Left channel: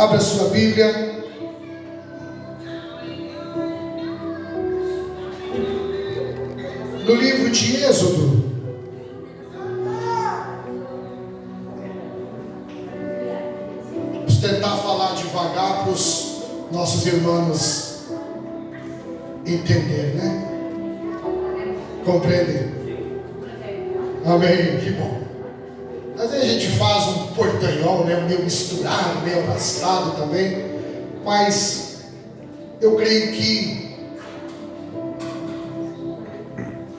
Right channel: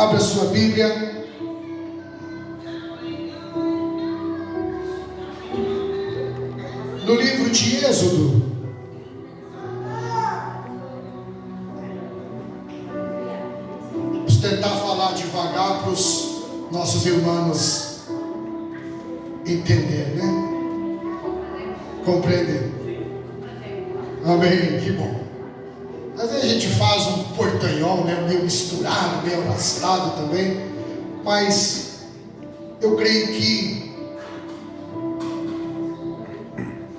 Abra sua Bíblia. No livro de Êxodo. Vamos tentar falar devagar para os nossos irmãos entender, né? Compreender. Amém, que bom. Às vezes a gente faz um portanhol, né? Meio misturado, meio arrastado também. Mas eu creio que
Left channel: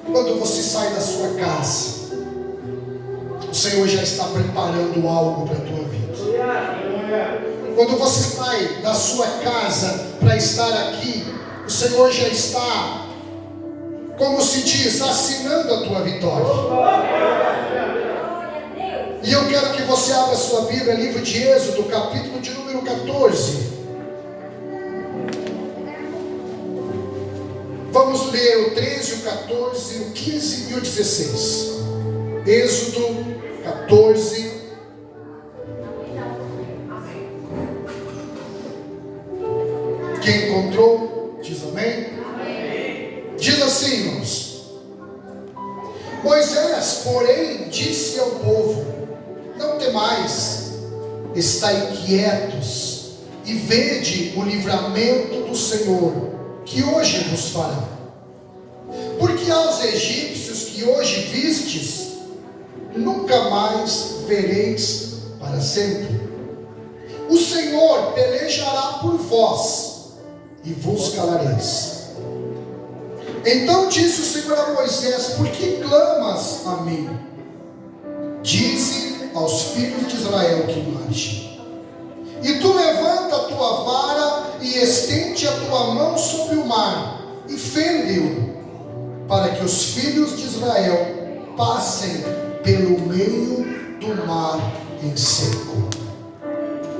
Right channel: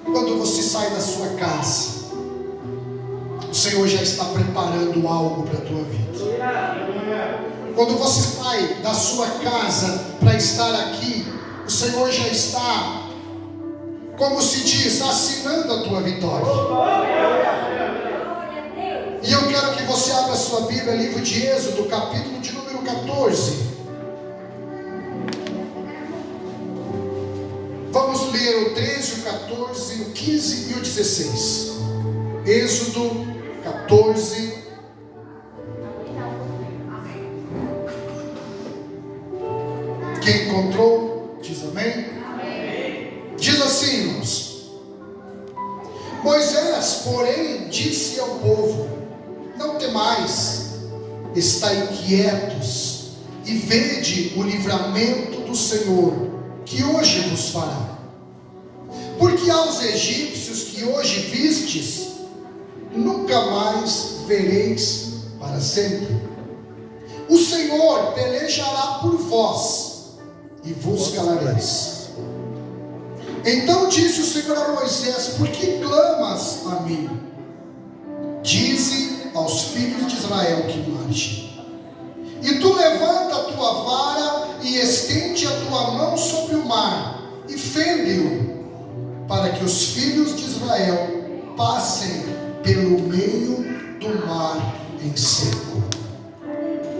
quando você sai da sua casa, o Senhor já está preparando algo para a tua vida. Quando você sai da sua casa para estar aqui, o Senhor já está, como se diz, assinando a tua vitória. E eu quero que você abra a sua Bíblia, livro de Êxodo, capítulo de número 14. Vamos ler o 13, o 14, o 15 e o 16. Êxodo 14. Quem encontrou, diz amém. Amém. Diz assim, irmãos: Moisés, porém, disse ao povo: não temais, estai quietos e vede o livramento do Senhor, que hoje vos fará. Porque aos egípcios que hoje vistes, nunca mais vereis para sempre. O Senhor pelejará por vós, e vos calareis. Então disse o Senhor a Moisés: por que clamas a mim? Dize aos filhos de Israel que marchem. E tu levanta a tua vara e estende a tua mão sobre o mar e fende-o, para que os filhos de Israel passem pelo meio do mar em seco.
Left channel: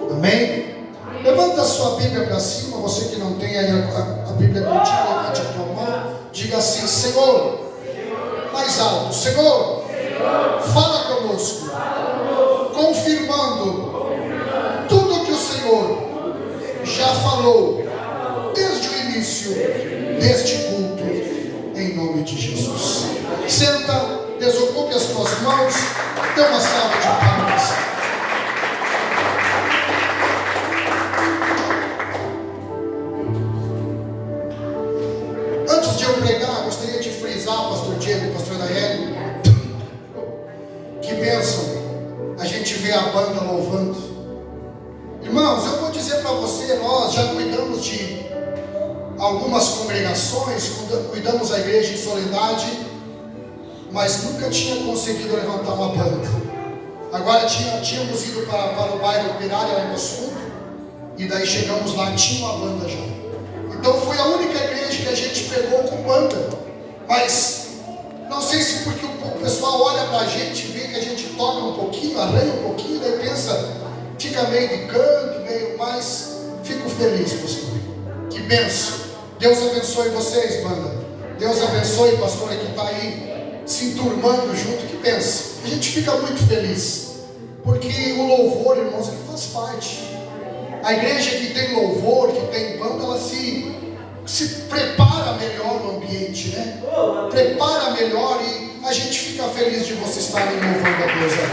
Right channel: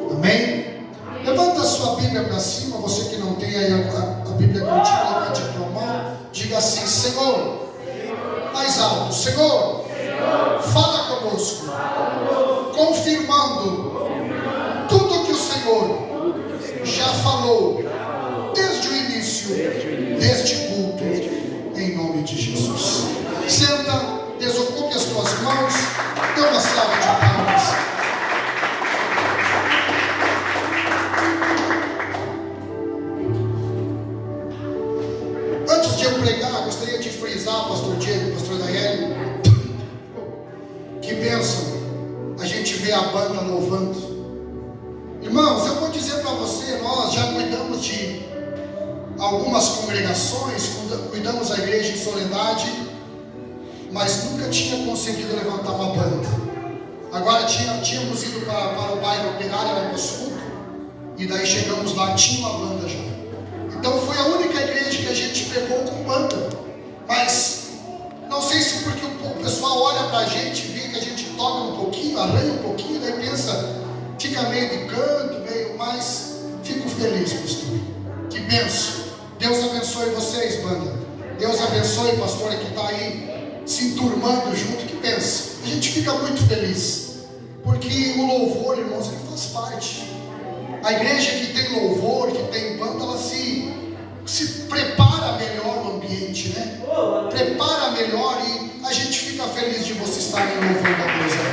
Amém? Levanta a sua Bíblia para cima. Você que não tem aí a Bíblia contigo, levante a tua mão. Diga assim: Senhor, mais alto, Senhor, fala conosco, confirmando tudo que o Senhor já falou desde o início deste culto, em nome de Jesus. Senta, desocupe as tuas mãos, dê uma salva de palmas. Antes de eu pregar, gostaria de frisar, pastor Diego, pastor Daiane, que bênção a gente vê a banda louvando. Irmãos, eu vou dizer para você, nós já cuidamos de algumas congregações, cuidamos da igreja em Soledade, mas nunca tinha conseguido levantar uma banda. Agora tínhamos ido para o bairro Operário, lá em Moscou, e daí chegamos lá, tinha uma banda já. Então foi a única igreja que a gente pegou com banda. Mas não sei se porque o pessoal olha para a gente, vê que a gente toca um pouquinho, arranha um pouquinho, daí pensa, fica meio de canto, meio, mas fico feliz, pastor. Que benção. Deus abençoe vocês, banda. Deus abençoe, pastor, que está aí se enturmando junto. Que benção. A gente fica muito feliz, porque o louvor, irmãos, ele faz parte. A igreja que tem louvor, que tem banda, ela se prepara melhor no ambiente, né? Prepara melhor, e a gente fica feliz de vocês estarem louvando a Deus aí.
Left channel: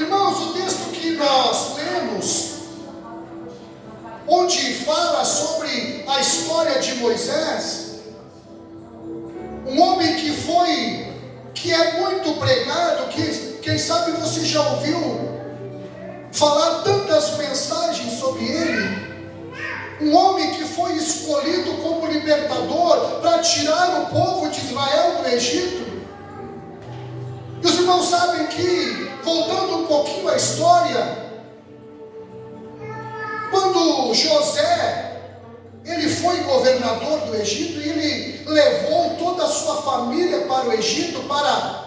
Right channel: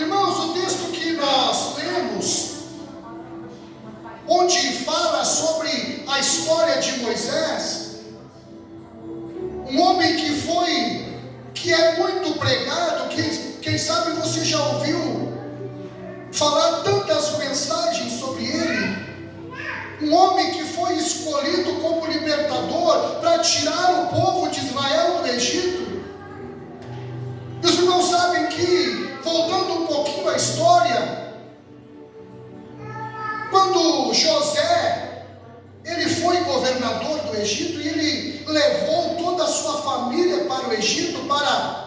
Irmãos, o texto que nós lemos, onde fala sobre a história de Moisés, um homem que é muito pregado, que quem sabe você já ouviu falar tantas mensagens sobre ele. Um homem que foi escolhido como libertador para tirar o povo de Israel do Egito. E os irmãos sabem que, voltando um pouquinho à história, quando José, ele foi governador do Egito, e ele levou toda a sua família para o Egito para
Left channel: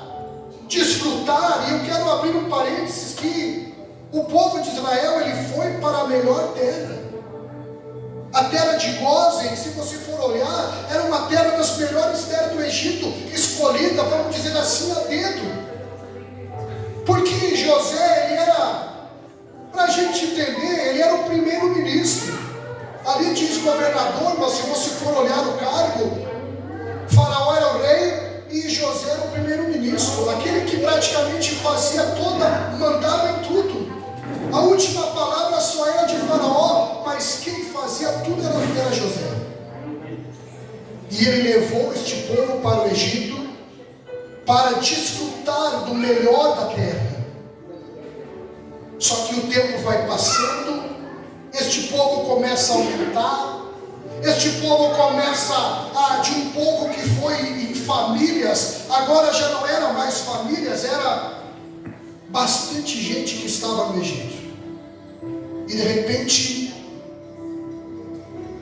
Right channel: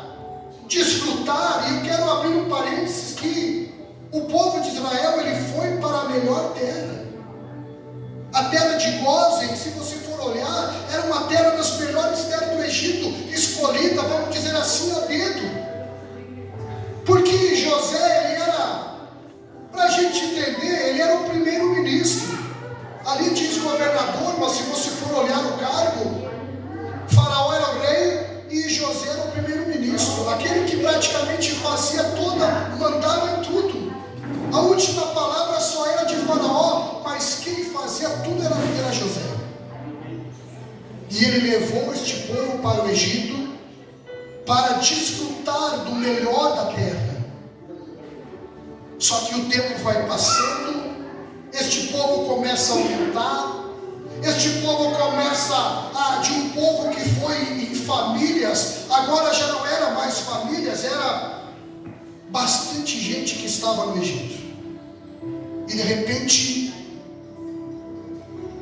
desfrutar, e eu quero abrir um parênteses, que o povo de Israel, ele foi para a melhor terra. A terra de Gósen, se você for olhar, era uma terra das melhores terras do Egito, escolhida, vamos dizer assim, a dedo. Porque ministro, aquele que praticamente fazia toda, mandava em tudo. A última palavra só era de Faraó, mas quem fazia tudo era José. E ele levou este povo para o Egito para desfrutar do melhor da terra. Só que o tempo vai passando, este povo começa a aumentar, este povo começa de um povo que foi em famílias, agora já não era mais famílias, era bastante gente que estava no Egito. E de repente,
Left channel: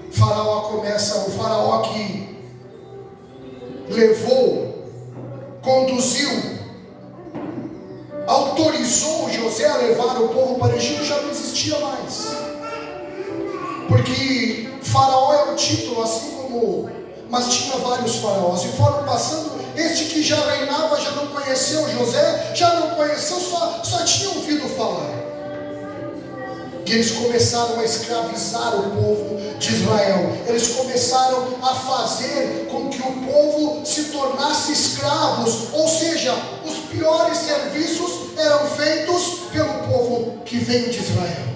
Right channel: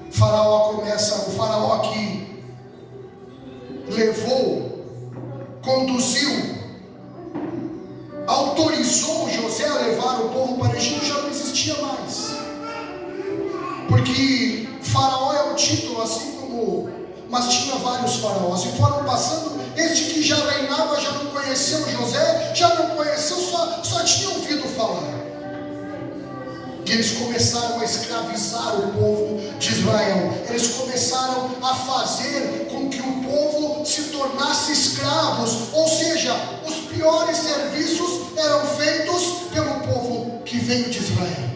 o faraó que levou, conduziu, autorizou José a levar o povo para o Egito, já não existia mais. Porque faraó é o título, assim como, mas tinha vários faraós, e foram passando. Este que já reinava já não conheceu José, já não conheceu, só tinha ouvido falar. E eles começaram a escravizar o povo de Israel. Eles começaram a fazer com que o povo se tornasse escravos, ou seja, os piores serviços eram feitos pelo povo que veio de Israel.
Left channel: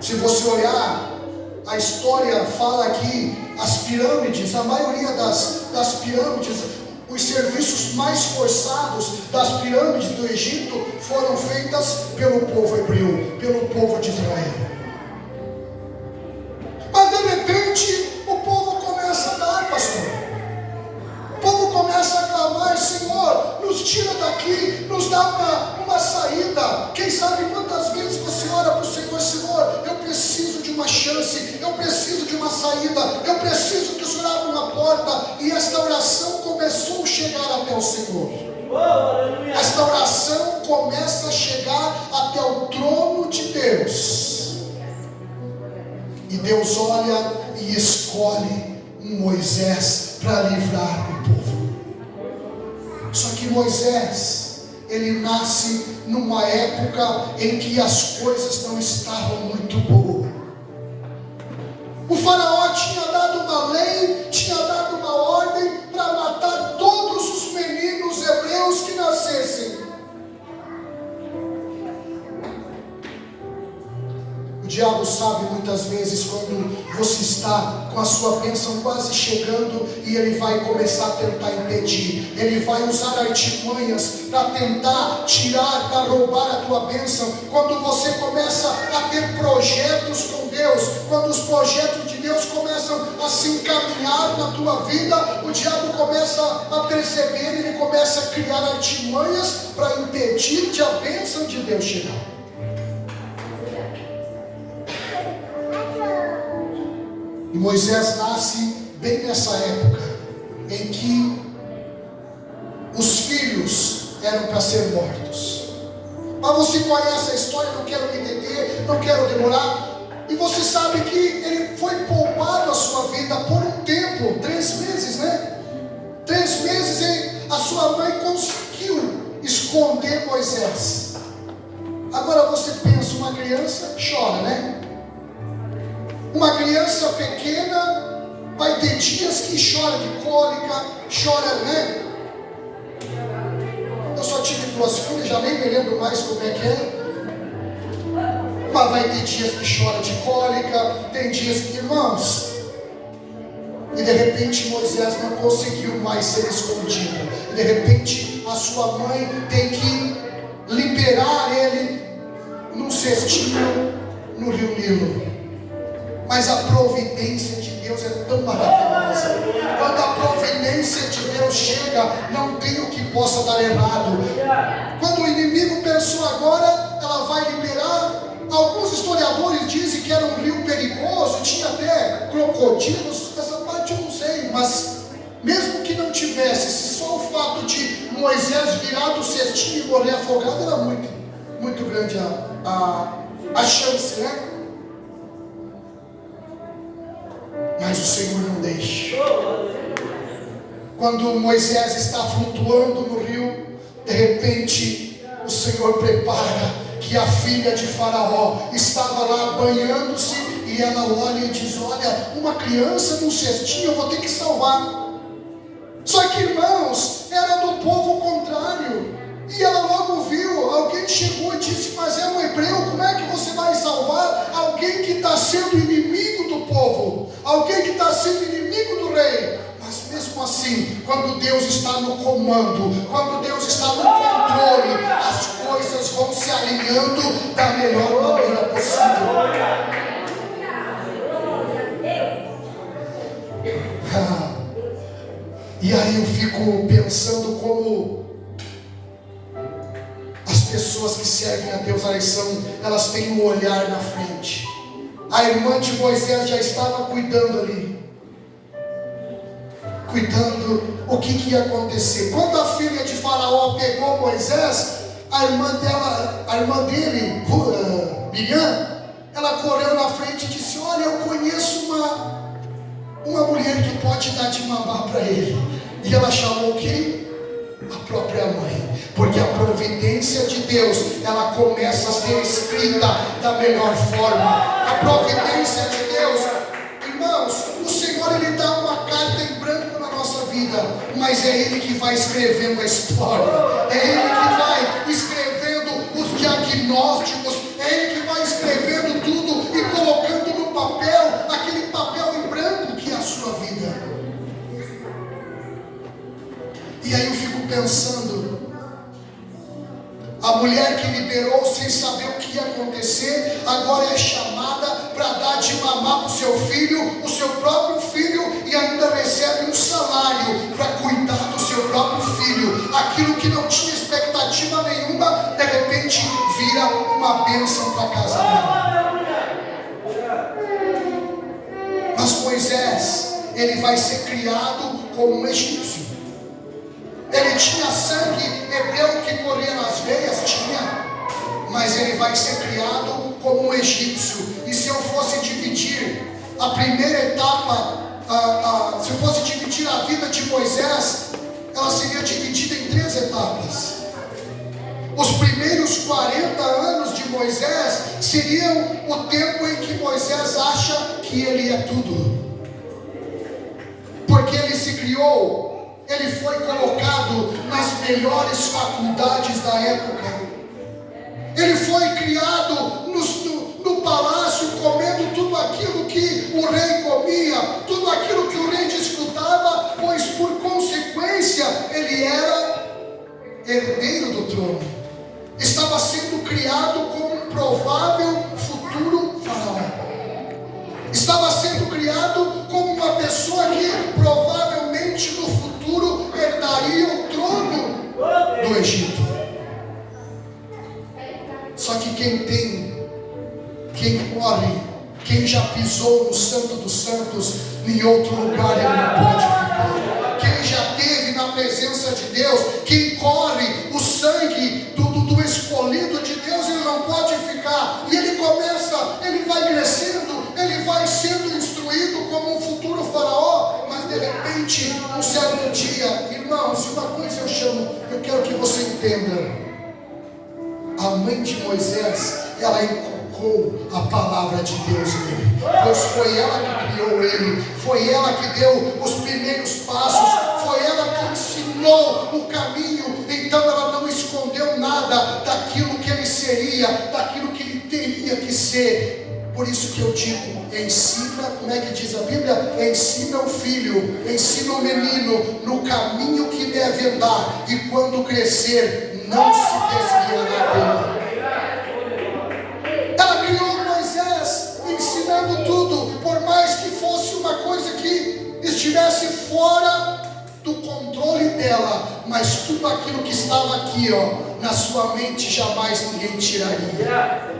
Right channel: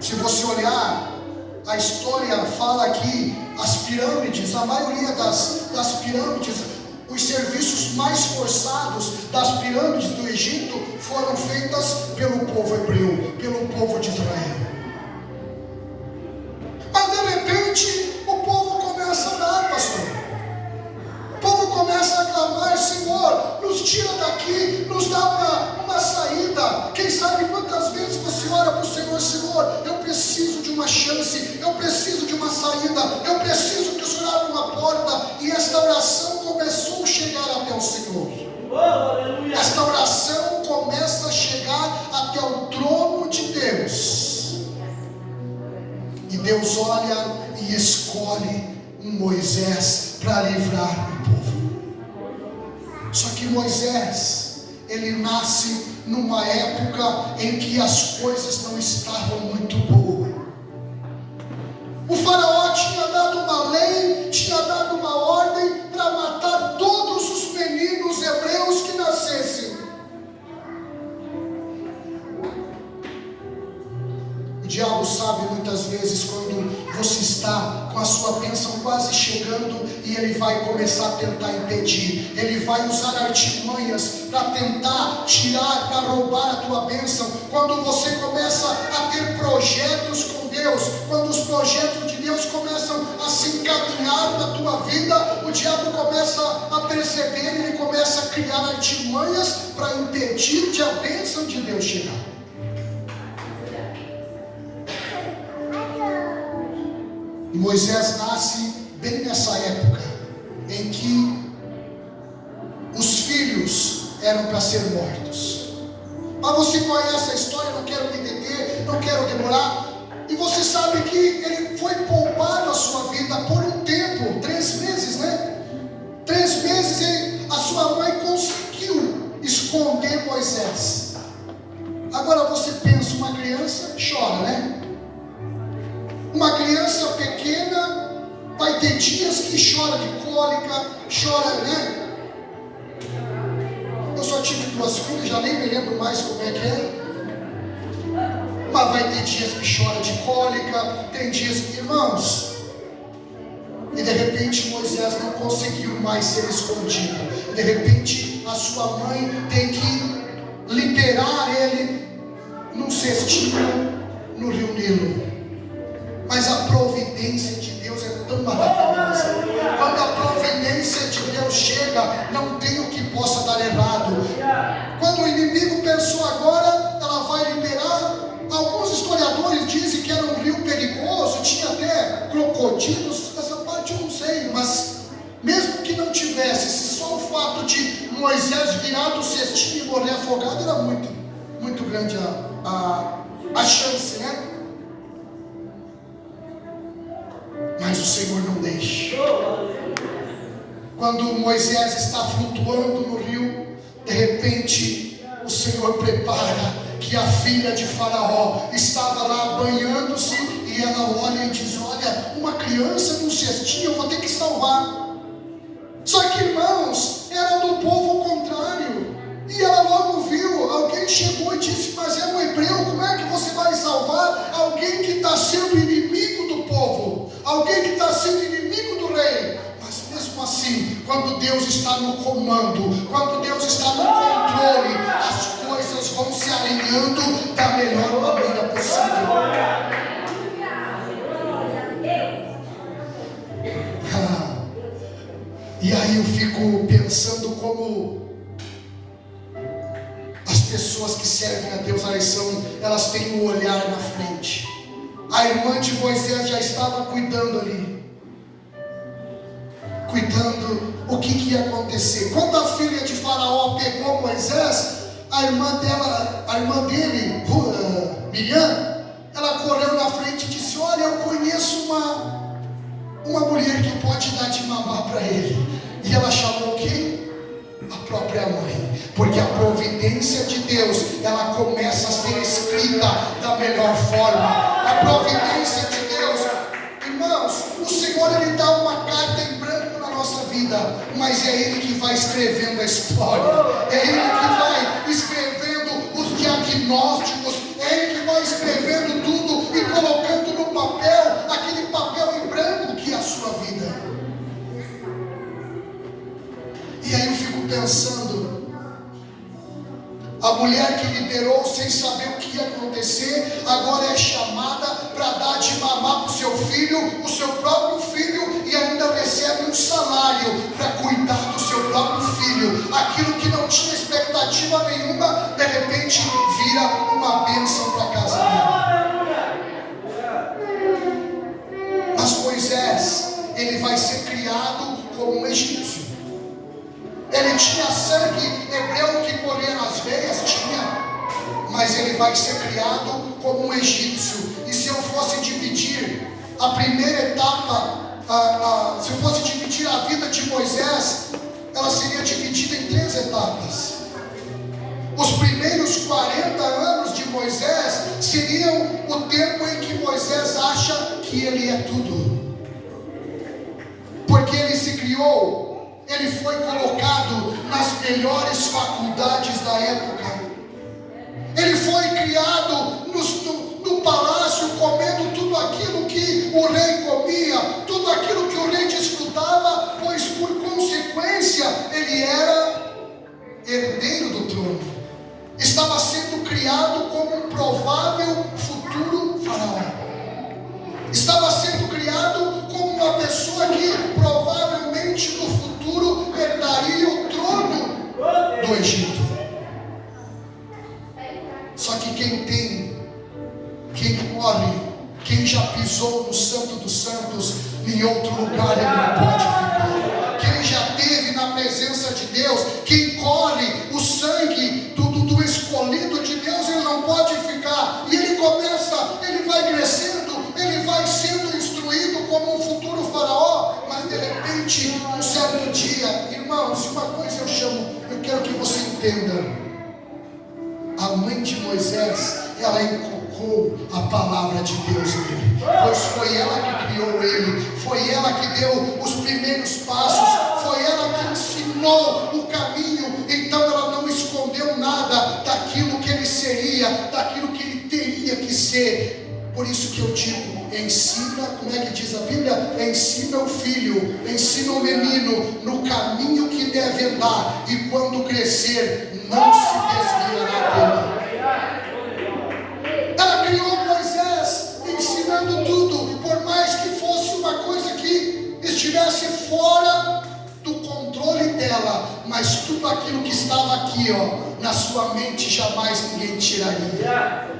Se você olhar, a história fala que as pirâmides, a maioria das pirâmides, os serviços mais forçados das pirâmides do Egito foram feitas pelo povo hebreu, pelo povo de Israel. Mas de repente o povo começa a dar, pastor. O povo começa a clamar: Senhor, nos tira daqui, nos dá uma saída. Quem sabe quantas vezes você ora para o Senhor: Senhor, eu preciso de uma chance, eu preciso de uma saída, eu preciso que o Senhor abra uma porta. E esta oração começou a chegar até o Senhor. Esta oração começa a chegar até o trono de Deus. E Deus olha e escolhe um Moisés para livrar o povo. Só que Moisés, ele nasce numa época em que as coisas não estavam muito boas. O faraó tinha dado uma lei, tinha dado uma ordem para matar todos os meninos hebreus que nascessem. O diabo sabe muitas vezes quando você está com a sua bênção quase chegando e ele vai começar a tentar impedir. Ele vai usar artimanhas para tentar tirar, para roubar a tua bênção. Quando você começa a ter projetos com Deus, quando os projetos de Deus começam a se encaminhar na tua vida, o diabo começa a perceber, ele começa a criar artimanhas para impedir de a bênção de Deus chegar. E Moisés nasce bem nessa época em que os filhos eram para ser mortos. Mas você conhece a história, não quero me entender, não quero demorar. E você sabe que ele foi poupado a sua vida por um tempo, 3 meses, né? 3 meses, hein? A sua mãe conseguiu esconder Moisés. Agora você pensa, uma criança chora, né? Uma criança pequena vai ter dias que chora de cólica, chora, né? Eu só tive 2 filhas, já nem me lembro mais como é que é. Mas vai ter dias que chora de cólica, tem dias que, irmãos, e de repente Moisés não conseguiu mais ser escondido. E de repente a sua mãe tem que liberar ele num cestinho no rio Nilo. Mas a providência de Deus é tão maravilhosa. Quando a providência de Deus chega, não tem o que possa dar errado. Quando o inimigo pensou agora, ela vai liberar. Alguns historiadores dizem que era um rio perigoso, tinha até crocodilos. Essa parte eu não sei, mas mesmo que não tivesse, se só o fato de Moisés virar do cestinho e morrer afogado, era muito grande a chance, né? Mas o Senhor não deixa. Quando Moisés está flutuando no rio, de repente o Senhor prepara que a filha de Faraó estava lá banhando-se, e ela olha e diz: olha, uma criança num cestinho, eu vou ter que salvar. Só que, irmãos, era do alguém que está sendo inimigo do povo, alguém que está sendo inimigo do rei. Mas mesmo assim, quando Deus está no comando, quando Deus está no controle, as coisas vão se alinhando da melhor maneira possível. E aí eu fico pensando como as pessoas que servem a Deus, elas têm um olhar na frente. A irmã de Moisés já estava cuidando ali, cuidando o que ia acontecer. Quando a filha de Faraó pegou Moisés, a irmã dele, Miriam, ela correu na frente e disse: olha, eu conheço uma mulher que pode dar de mamar para ele. E ela chamou quem? A própria mãe. Porque a providência de Deus, ela começa a ser escrita da melhor forma. A providência de Deus, irmãos, o Senhor, Ele dá uma carta em branco na nossa vida, mas é Ele que vai escrevendo a história, é Ele que vai escrevendo os diagnósticos, é Ele que vai escrevendo tudo e colocando no papel, aquele papel em branco que é a sua vida. E aí eu fico pensando, a mulher que liberou sem saber o que ia acontecer, agora é chamada para dar de mamar para o seu filho, o seu próprio filho, e ainda recebe um salário para cuidar do seu próprio filho. Aquilo que não tinha expectativa nenhuma, de repente vira uma bênção para a casa dela. Mas Moisés, ele vai ser criado como um egípcio. Ele tinha sangue hebreu que corria nas veias, mas ele vai ser criado como um egípcio. E se eu fosse dividir a primeira etapa, se eu fosse dividir a vida de Moisés, ela seria dividida em 3 etapas. Os primeiros 40 anos de Moisés seriam o tempo em que Moisés acha que ele é tudo, porque ele se criou, ele foi colocado nas melhores faculdades da época. Ele foi criado no palácio, comendo tudo aquilo que o rei comia, tudo aquilo que o rei desfrutava, pois por consequência ele era herdeiro do trono. Estava sendo criado como um provável futuro faraó. Estava sendo criado como uma pessoa que provavelmente no futuro herdaria o trono do Egito. Só que quem morre, quem já pisou no Santo dos Santos, em outro lugar ele não pode ficar. Quem já esteve na presença de Deus, quem corre o sangue do escolhido de Deus, ele não pode ficar. E ele vai crescendo, ele vai sendo instruído como um futuro faraó, mas de repente, um certo dia, irmãos, uma coisa eu quero que você entenda. A mãe de Moisés, ela inculcou a palavra de Deus nele, pois foi ela que criou ele, foi ela que deu os primeiros passos, foi ela que ensinou o caminho. Então ela não escondeu nada daquilo que ele seria, daquilo que ele teria que ser. Por isso que eu digo, ensina, como é que diz a Bíblia? Ensina o filho, ensina o menino no caminho que deve andar, e quando crescer, não se desviará dele. Ela criou Moisés, ensinando tudo, por mais que fosse uma coisa que estivesse fora do controle dela, mas tudo aquilo que estava aqui, na sua mente, jamais ninguém tiraria.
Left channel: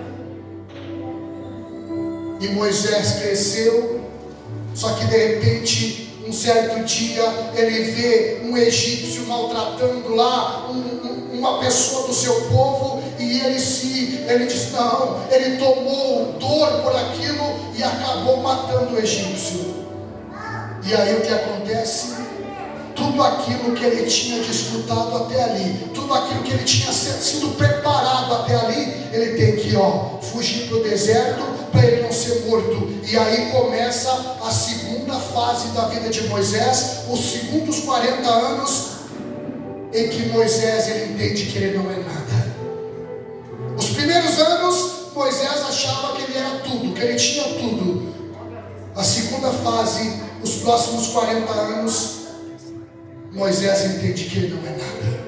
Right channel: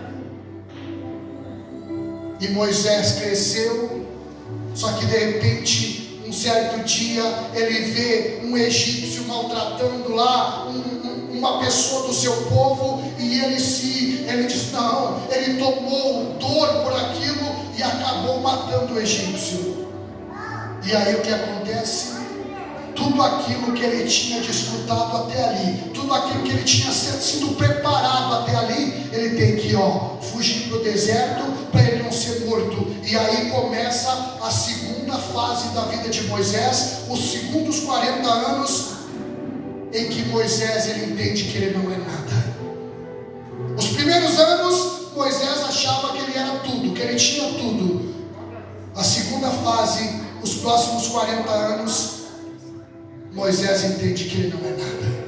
E Moisés cresceu, só que de repente, um certo dia, ele vê um egípcio maltratando lá uma pessoa do seu povo, e ele diz não, ele tomou dor por aquilo e acabou matando o egípcio. E aí o que acontece? Tudo aquilo que ele tinha desfrutado até ali, tudo aquilo que ele tinha sido preparado até ali, ele tem que fugir para o deserto, para ele não ser morto. E aí começa a segunda fase da vida de Moisés, os segundos 40 anos, em que Moisés ele entende que ele não é nada. Os primeiros anos, Moisés achava que ele era tudo, que ele tinha tudo. A segunda fase, os próximos 40 anos, Moisés entende que ele não é nada.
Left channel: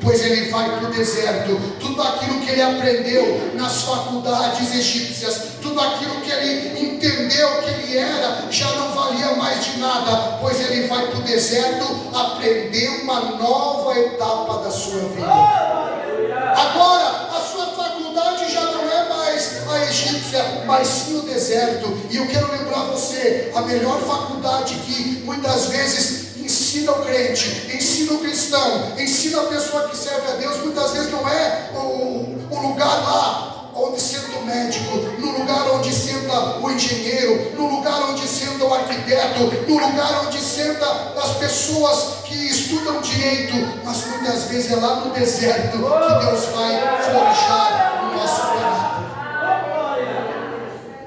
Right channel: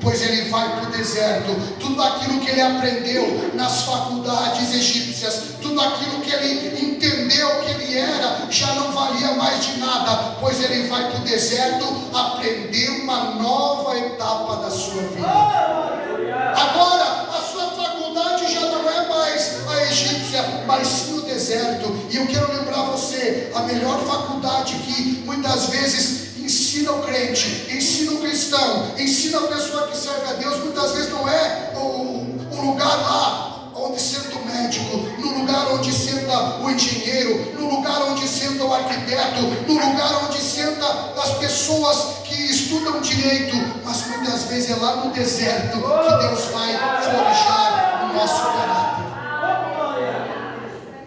Pois ele vai para o deserto, tudo aquilo que ele aprendeu nas faculdades egípcias, tudo aquilo que ele entendeu que ele era, já não valia mais de nada, pois ele vai para o deserto aprender uma nova etapa da sua vida. Agora, a sua faculdade já não é mais a egípcia, mas sim o deserto. E eu quero lembrar você, a melhor faculdade que muitas vezes ensina o crente, ensina o cristão, ensina a pessoa que serve a Deus, muitas vezes não é o lugar lá onde senta o médico, no lugar onde senta o engenheiro, no lugar onde senta o arquiteto, no lugar onde senta as pessoas que estudam direito, mas muitas vezes é lá no deserto que Deus vai forjar o nosso caráter.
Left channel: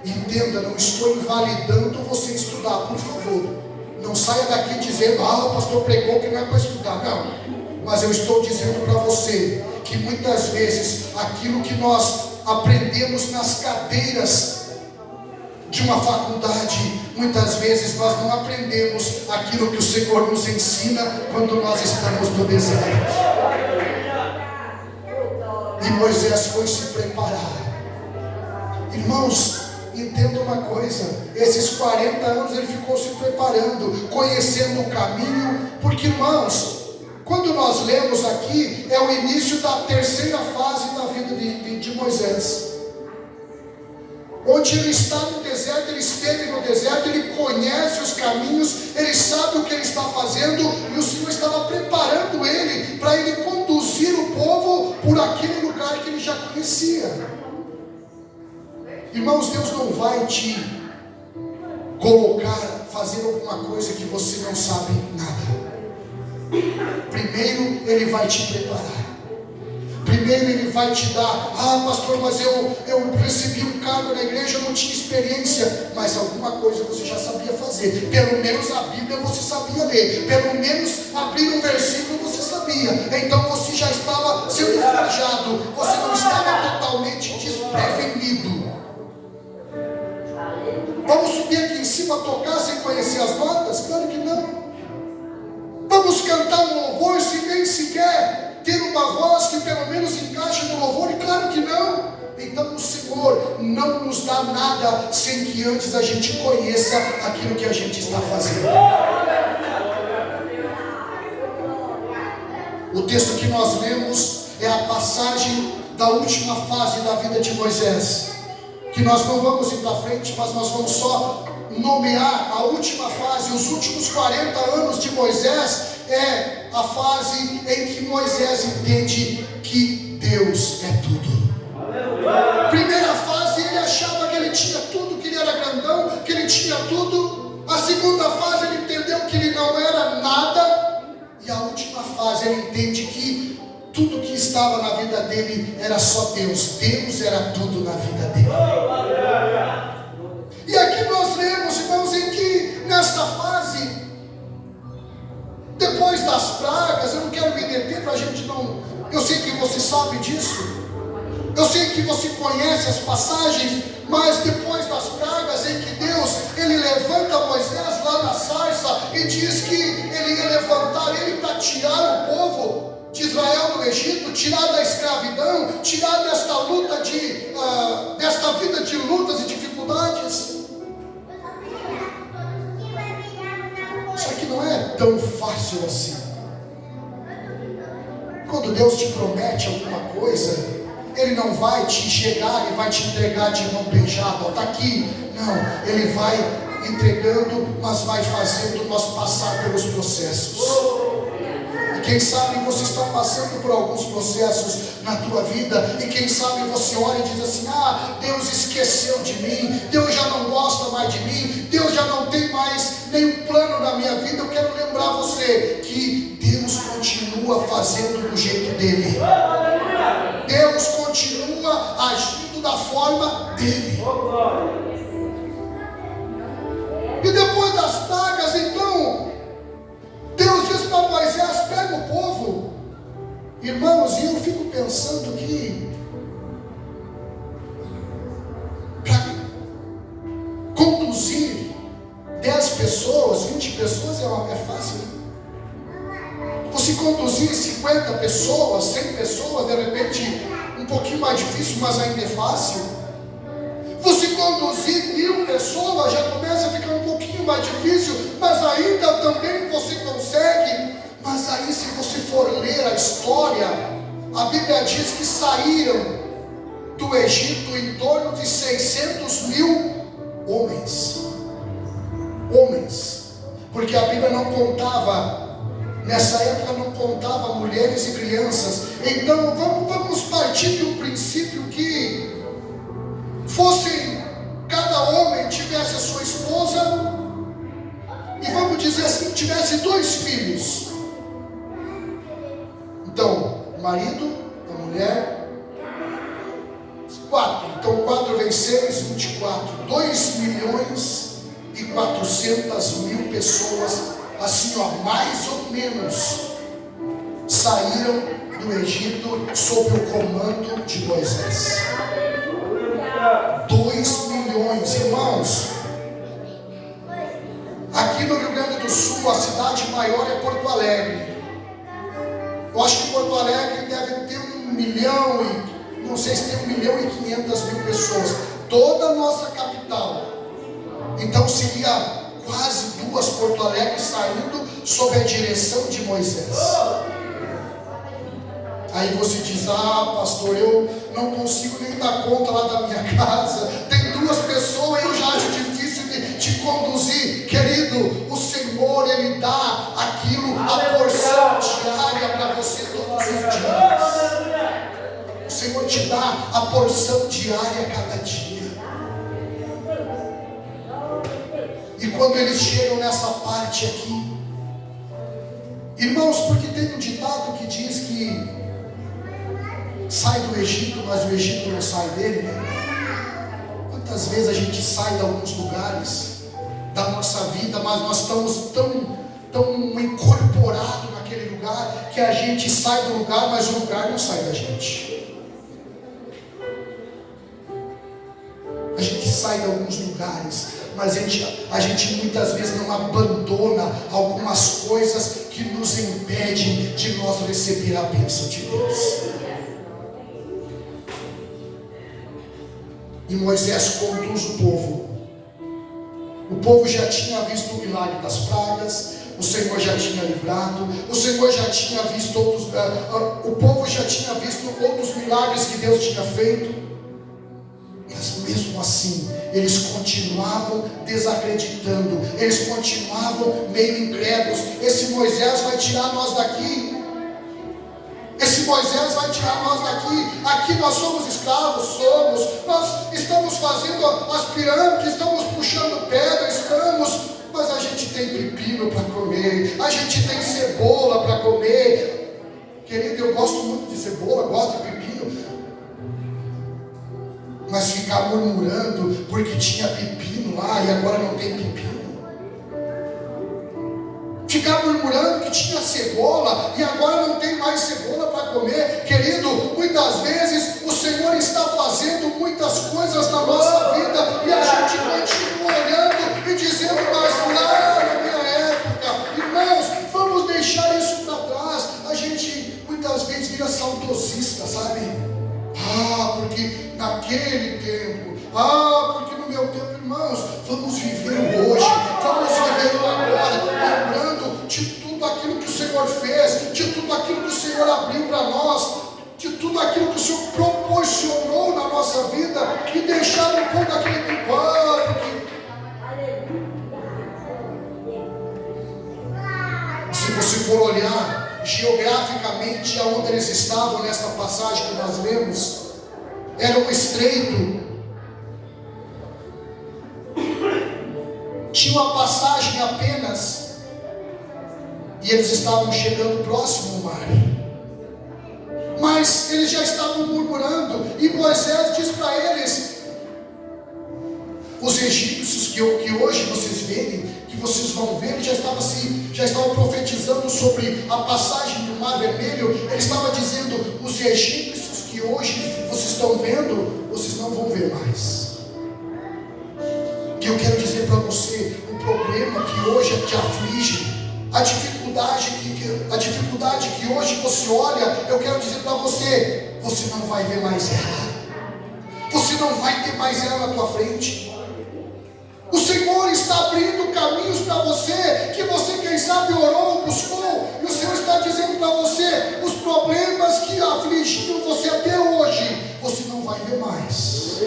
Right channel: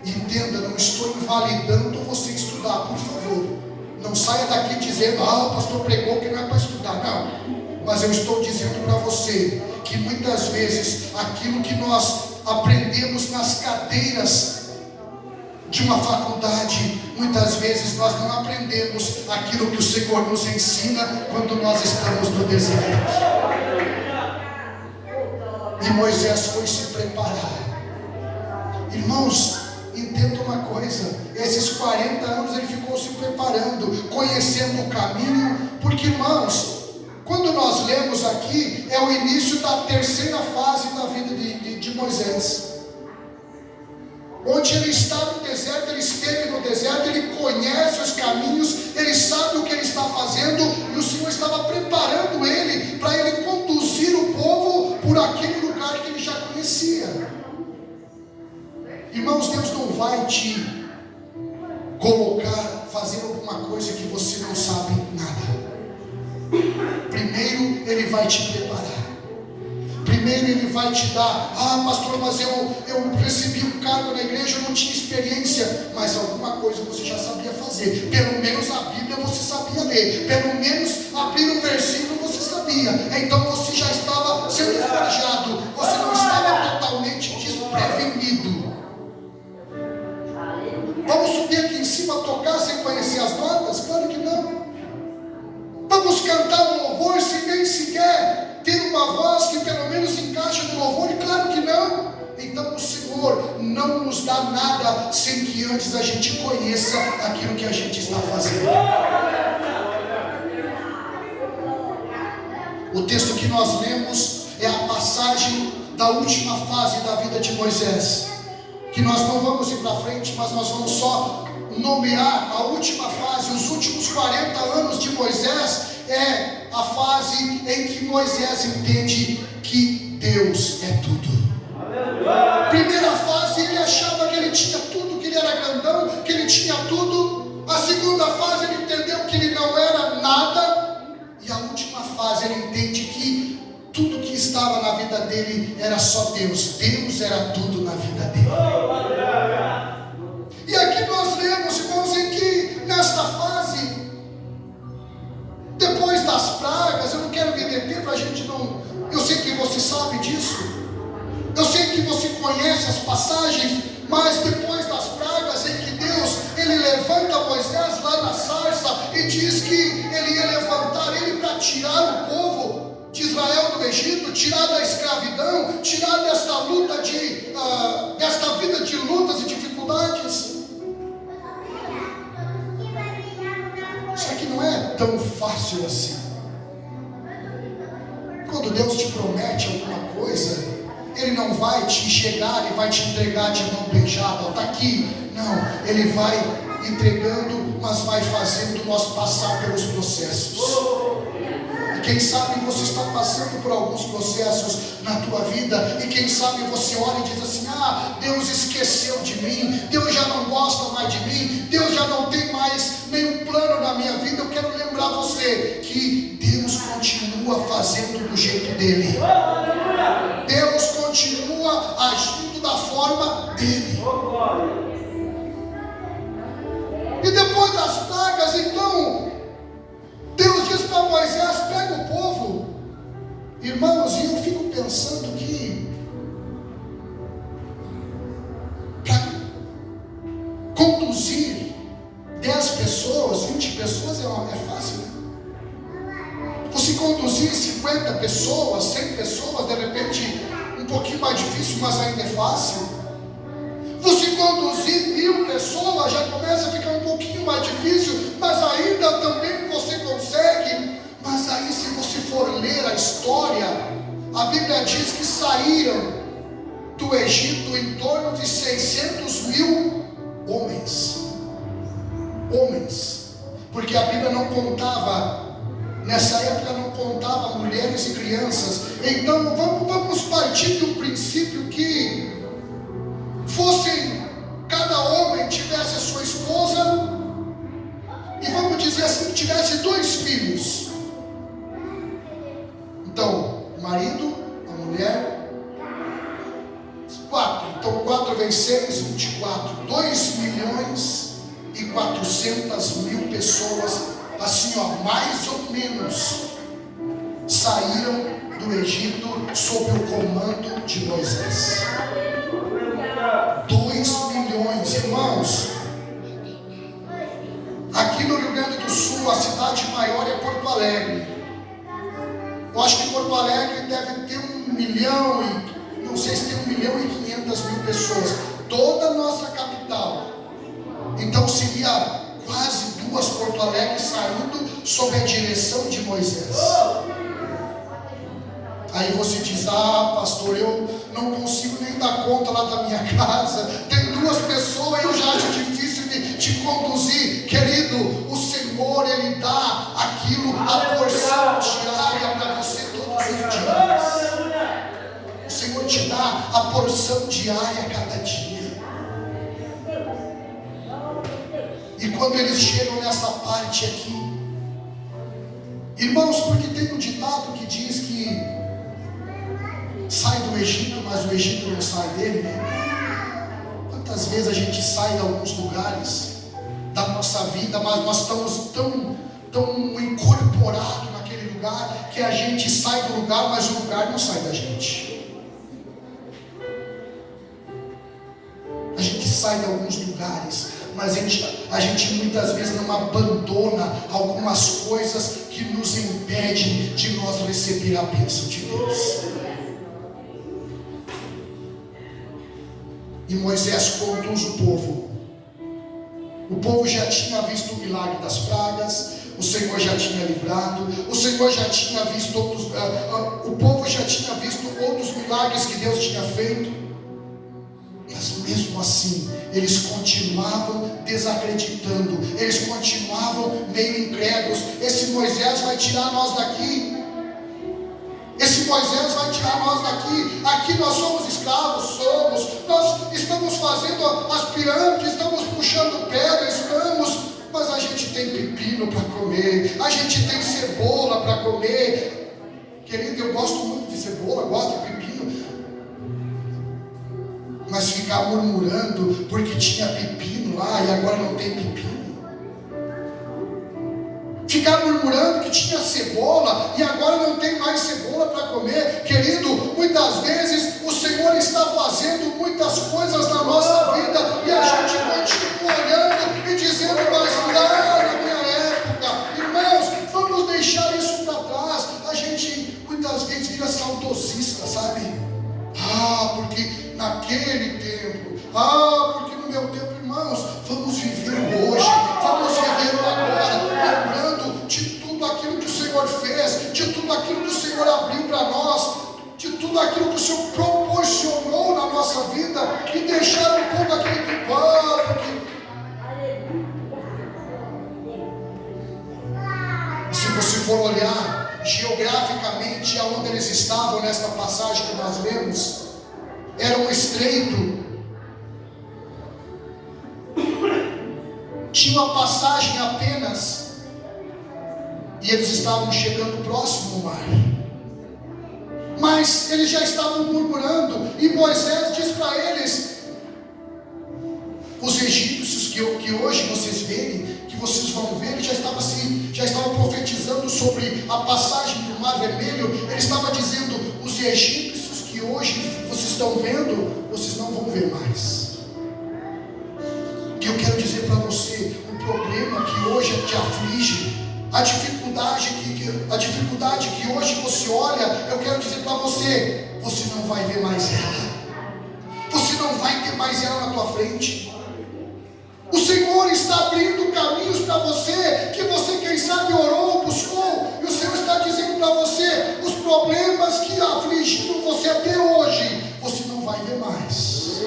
Entenda, não estou invalidando você estudar, por favor. Não saia daqui dizendo, o pastor pregou que não é para estudar. Não, mas eu estou dizendo para você que muitas vezes aquilo que nós aprendemos nas cadeiras de uma faculdade, muitas vezes nós não aprendemos aquilo que o Senhor nos ensina quando nós estamos no deserto. E Moisés foi se preparar. Irmãos, entenda uma coisa, esses 40 anos ele ficou se preparando, conhecendo o caminho, porque, irmãos, quando nós lemos aqui, é o início da terceira fase da vida de Moisés, onde ele está no deserto, ele esteve no deserto, ele conhece os caminhos, ele sabe o que ele está fazendo, e o Senhor estava preparando ele, para ele conduzir o povo por aquele lugar que ele já conhecia. Irmãos, Deus não vai te colocar, fazer alguma coisa que você não sabe nada. Primeiro Ele vai te preparar. Primeiro Ele vai te dar, pastor, mas eu recebi um cargo na igreja, eu não tinha experiência, mas alguma coisa você já sabia fazer. Pelo menos a Bíblia você sabia ler, pelo menos abrir um versículo você sabia. Então você já estava sendo forjado, você não estava totalmente desprevenido. Vamos subir aqui em cima, tocar sem conhecer as notas? Claro que não. Vamos cantar um louvor sem nem sequer ter uma voz que pelo menos encaixe no louvor? Claro que não. Então o Senhor não nos dá nada sem que antes a gente conheça aquilo que a gente está fazendo. O texto que nós lemos é a passagem da última fase da vida de Moisés, que nós não vamos ir para frente, mas nós vamos só nomear a última fase. Os últimos 40 anos de Moisés é a fase em que Moisés entende que Deus é tudo. Primeira fase, ele achava que ele tinha tudo, que ele era grandão, que ele tinha tudo. A segunda fase, ele entendeu que ele não era nada. E a última fase, ele entende que tudo que estava na vida dele era só Deus. Deus era tudo na vida dele. E aqui nós lemos, irmãos, em que nesta fase, depois das pragas, eu não quero me deter para a gente não... Eu sei que você sabe disso. Eu sei que você conhece as passagens, mas depois das pragas em que Deus, ele levanta Moisés lá na sarça e diz que ele ia levantar ele para tirar o povo de Israel do Egito, tirar da escravidão, tirar desta luta desta vida de lutas e dificuldades. Só que não é tão fácil assim. Quando Deus te promete alguma coisa, Ele não vai te chegar e vai te entregar de mão beijada, está aqui. Não, Ele vai entregando, mas vai fazendo nós passar pelos processos. E quem sabe você está passando por alguns processos na tua vida, e quem sabe você olha e diz assim: Deus esqueceu de mim, Deus já não gosta mais de mim, Deus já não tem mais nenhum plano na minha vida. Eu quero lembrar você que Deus continua fazendo do jeito dele. Deus continua agindo da forma dele. E depois das pragas, então, Deus diz para Moisés: pega o povo. Irmãos, e eu fico pensando que conduzir 10 pessoas, 20 pessoas é fácil, né? Você conduzir 50 pessoas, 100 pessoas, de repente um pouquinho mais difícil, mas ainda é fácil. Você conduzir 1000 pessoas já começa a ficar um pouquinho mais difícil, mas ainda também você consegue. Mas aí, se você for ler a história, a Bíblia diz que saíram do Egito em torno de 600.000 homens, porque a Bíblia não contava, nessa época não contava mulheres e crianças. Então vamos partir do princípio que cada homem tivesse a sua esposa, e vamos dizer assim, tivesse 2 filhos. Então, o marido, a mulher, 4. Então 4 vezes 6, 24. 2.400.000 pessoas, assim ó, mais ou menos, saíram do Egito sob o comando de Moisés. 2 milhões, irmãos. Aqui no Rio Grande do Sul, a cidade maior é Porto Alegre. Eu acho que Porto Alegre deve ter 1 milhão e não sei se tem 1.500.000 pessoas. Toda a nossa capital. Então seria quase 2 Porto Alegre saindo sob a direção de Moisés. Aí você diz: pastor, eu não consigo nem dar conta lá da minha casa, tem 2 pessoas, eu já acho difícil de te conduzir. Querido, o Senhor, Ele dá aquilo, a porção diária para você todos os dias. O Senhor te dá a porção diária a cada dia. E quando eles chegam nessa parte aqui, irmãos, porque tem um ditado que diz que sai do Egito, mas o Egito não sai dele, né? Quantas vezes a gente sai de alguns lugares da nossa vida, mas nós estamos tão incorporados naquele lugar, que a gente sai do lugar, mas o lugar não sai da gente. A gente sai de alguns lugares, mas a gente muitas vezes não abandona algumas coisas que nos impedem de nós receber a bênção de Deus. E Moisés conduz o povo. O povo já tinha visto o milagre das pragas, o Senhor já tinha livrado, o Senhor já tinha visto o povo já tinha visto outros milagres que Deus tinha feito. Mas mesmo assim, eles continuavam desacreditando, eles continuavam meio incrédulos. Esse Moisés vai tirar nós daqui. Esse Moisés vai tirar nós daqui. Aqui nós somos escravos, nós estamos fazendo as pirâmides, estamos puxando pedra, mas a gente tem pepino para comer, a gente tem cebola para comer. Querido, eu gosto muito de cebola, gosto de pepino, mas ficar murmurando porque tinha pepino lá e agora não tem pepino, ficar murmurando que tinha cebola e agora não tem mais cebola para comer. Querido, muitas vezes o Senhor está fazendo muitas coisas na nossa vida e a gente continua olhando e dizendo: mas lá na minha época. Irmãos, vamos deixar isso para trás. A gente muitas vezes vira saudosista, sabe? Porque naquele tempo, porque no meu tempo. Irmãos, vamos viver o hoje, vamos viver o agora, lembrando de tudo aquilo que o Senhor fez, de tudo aquilo que o Senhor abriu para nós, de tudo aquilo que o Senhor proporcionou na nossa vida, e deixar um pouco aquele do pano. Se você for olhar geograficamente aonde eles estavam nessa passagem que nós lemos, era um estreito. Tinha uma passagem apenas, e eles estavam chegando próximo ao mar, mas eles já estavam murmurando, e Moisés diz para eles: os egípcios que hoje vocês verem, que vocês vão ver, já estavam profetizando sobre a passagem do Mar Vermelho. Ele estava dizendo: os egípcios que hoje vocês estão vendo, vocês não vão ver mais. E eu quero dizer para te aflige, a dificuldade que hoje você olha, eu quero dizer para você, você não vai ver mais ela. Você não vai ter mais ela na tua frente. O Senhor está abrindo caminhos para você, que você quem sabe orou, buscou, e o Senhor está dizendo para você, os problemas que afligiram você até hoje, você não vai ver mais.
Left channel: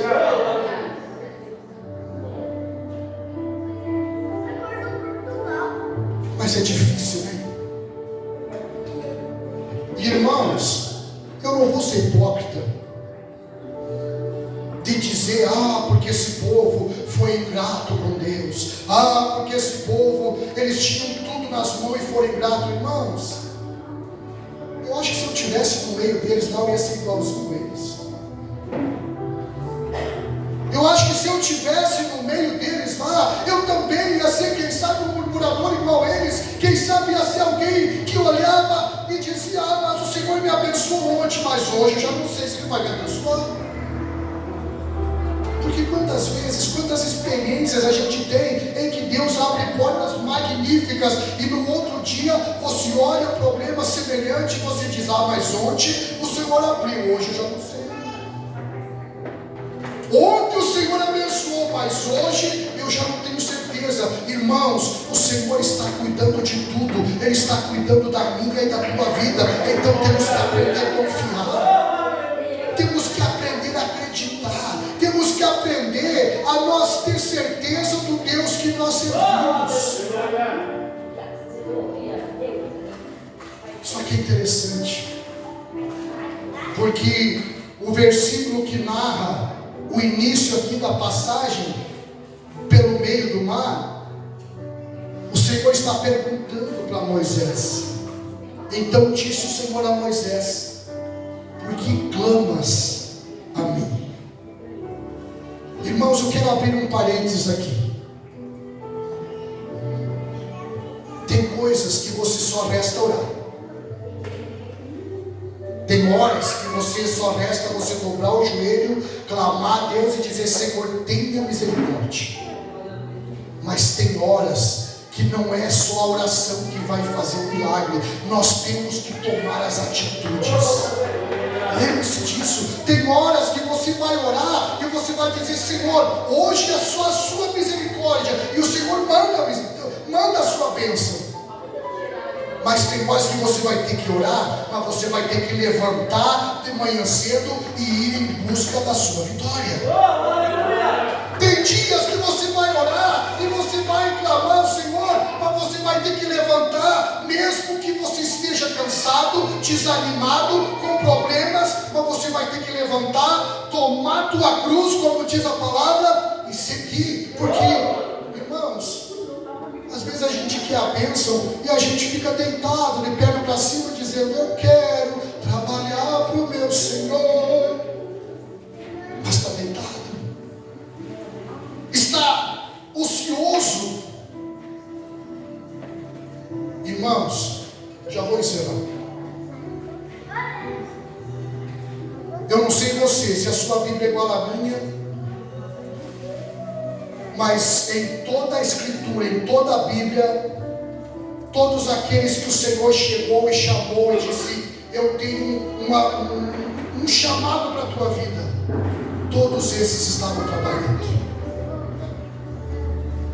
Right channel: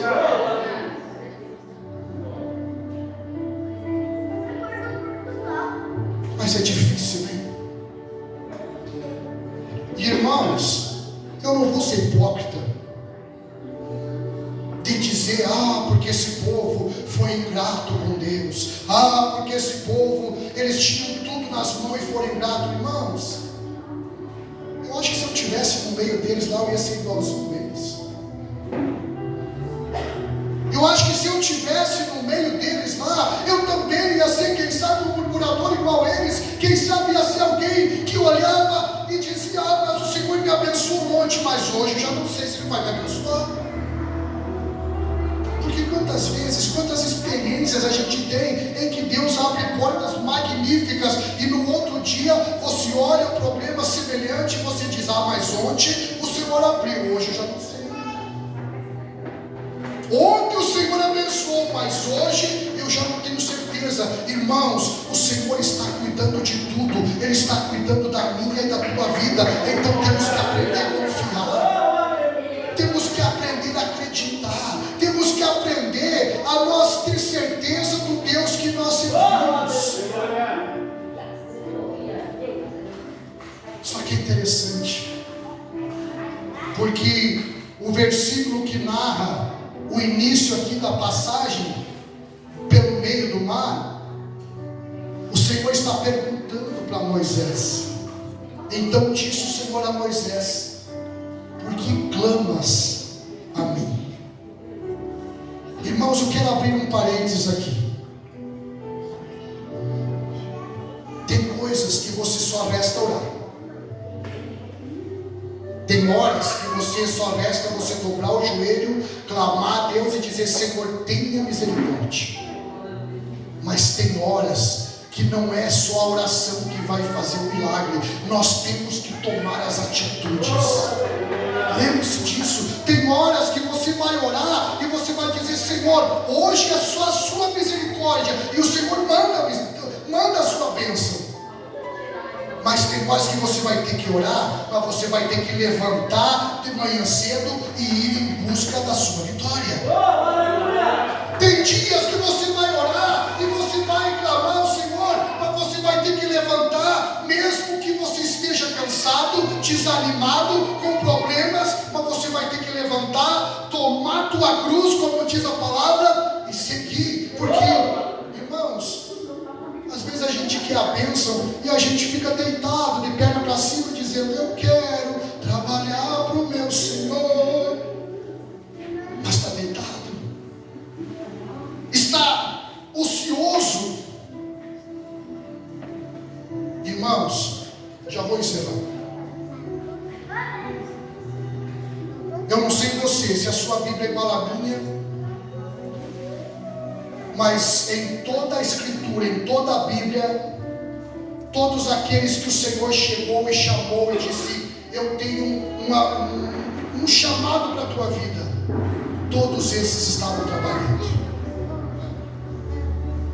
Mas é difícil, né? Irmãos, eu não vou ser hipócrita de dizer, porque esse povo foi ingrato com Deus, porque esse povo, eles tinham tudo nas mãos e foram ingratos. Irmãos, eu acho que se eu estivesse no meio deles lá, eu ia ser igualzinho eles. Eu acho que se eu estivesse no meio deles lá, eu também ia ser, quem sabe, um murmurador igual eles. Quem sabe ia ser alguém que olhava e dizia, mas o Senhor me abençoou ontem, mas hoje eu já não sei se Ele vai me abençoar. Porque quantas vezes, quantas experiências a gente tem em que Deus abre portas magníficas e no outro dia você olha problema semelhante e você diz, mas ontem o Senhor abriu, hoje eu já não sei. Ontem o Senhor abençoou, mas hoje eu já não tenho certeza. Irmãos, o Senhor está cuidando de tudo, Ele está cuidando da minha e da tua vida. Então temos que aprender a confiar, temos que aprender a acreditar, temos que aprender a nós ter certeza do Deus que nós servimos. Só que é interessante, porque o versículo que narra o início aqui da passagem, pelo meio do mar, o Senhor está perguntando para Moisés. Então disse o Senhor a Moisés, por que clamas a mim? Irmãos, eu quero abrir um parênteses aqui. Tem coisas que você só resta orar. Tem horas que você só resta você dobrar o joelho, clamar a Deus e dizer, Senhor, tenha misericórdia. Mas tem horas que não é só a oração que vai fazer o milagre, nós temos que tomar as atitudes. Lembre-se disso. Tem horas que você vai orar e você vai dizer, Senhor, hoje é só a sua misericórdia, e o Senhor manda a sua bênção. Mas tem horas que você vai ter que orar, mas você vai ter que levantar de manhã cedo e ir em busca da sua vitória. Tem dias que você vai orar e você vai clamar ao Senhor, mas você vai ter que levantar, mesmo que você esteja cansado, desanimado, com problemas, mas você vai ter que levantar, tomar tua cruz, como diz a palavra, e seguir. Porque, irmãos, às vezes a gente quer a bênção e a gente fica deitado, de perna para cima, dizendo, eu quero trabalhar para o meu Senhor. Mas está deitado, está ocioso. Irmãos, já vou encerrar. Eu não sei você, se a sua Bíblia é igual à minha, mas em toda a Escritura, em toda a Bíblia, todos aqueles que o Senhor chegou e chamou e disse, eu tenho um chamado para a tua vida, todos esses estavam trabalhando.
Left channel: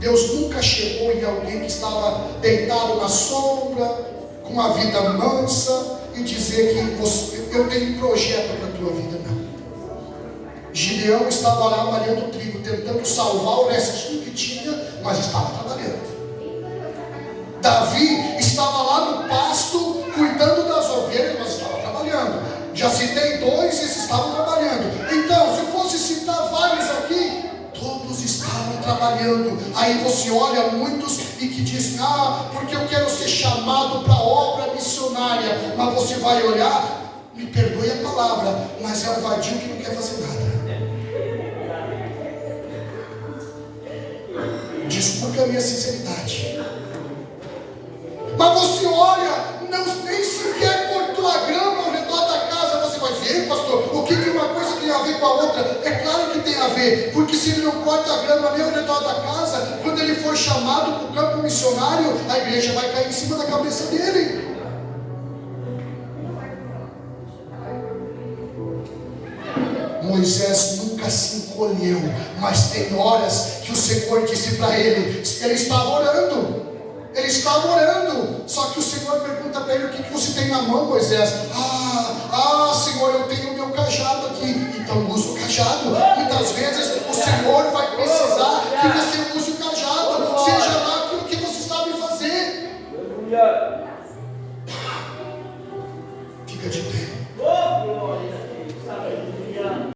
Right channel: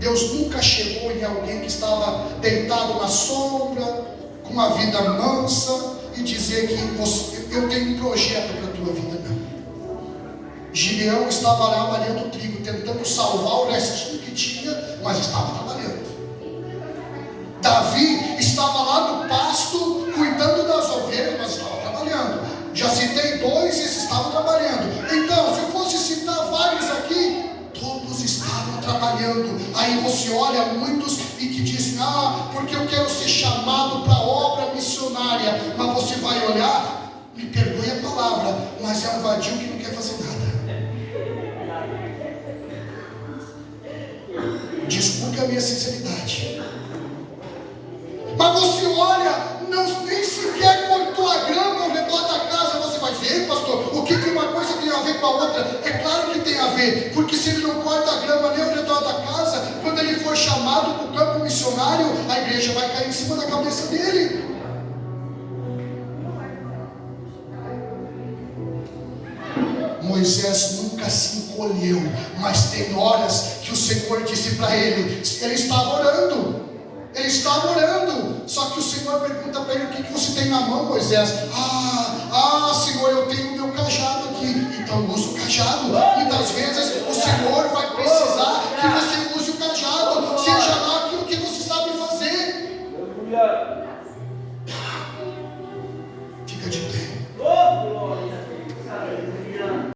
Deus nunca chegou em alguém que estava deitado na sombra, com uma vida mansa, e dizer que eu tenho um projeto para a tua vida, não. Gideão estava lá malhando trigo, tentando salvar o restinho que tinha, mas estava trabalhando. Davi estava lá no pasto, cuidando das ovelhas, mas estava trabalhando. Já citei dois, esses estavam trabalhando. Então, se eu fosse citar vários aqui, todos estavam trabalhando. Aí você olha muitos e que dizem, porque eu quero ser chamado para a obra missionária. Mas você vai olhar, me perdoe a palavra, mas é um vadio que não quer fazer nada. Desculpe a minha sinceridade. Mas você olha, nem sequer cortou a grama ao redor da casa. Você vai dizer, pastor, o que uma coisa tem a ver com a outra? É claro que tem a ver, porque se ele não corta a grama nem ao redor da casa, quando ele for chamado para o campo missionário, missionário, a igreja vai cair em cima da cabeça dele. Moisés nunca se encolheu, mas tem horas que o Senhor disse para ele, ele estava orando, só que o Senhor pergunta para ele, o que você tem na mão, Moisés?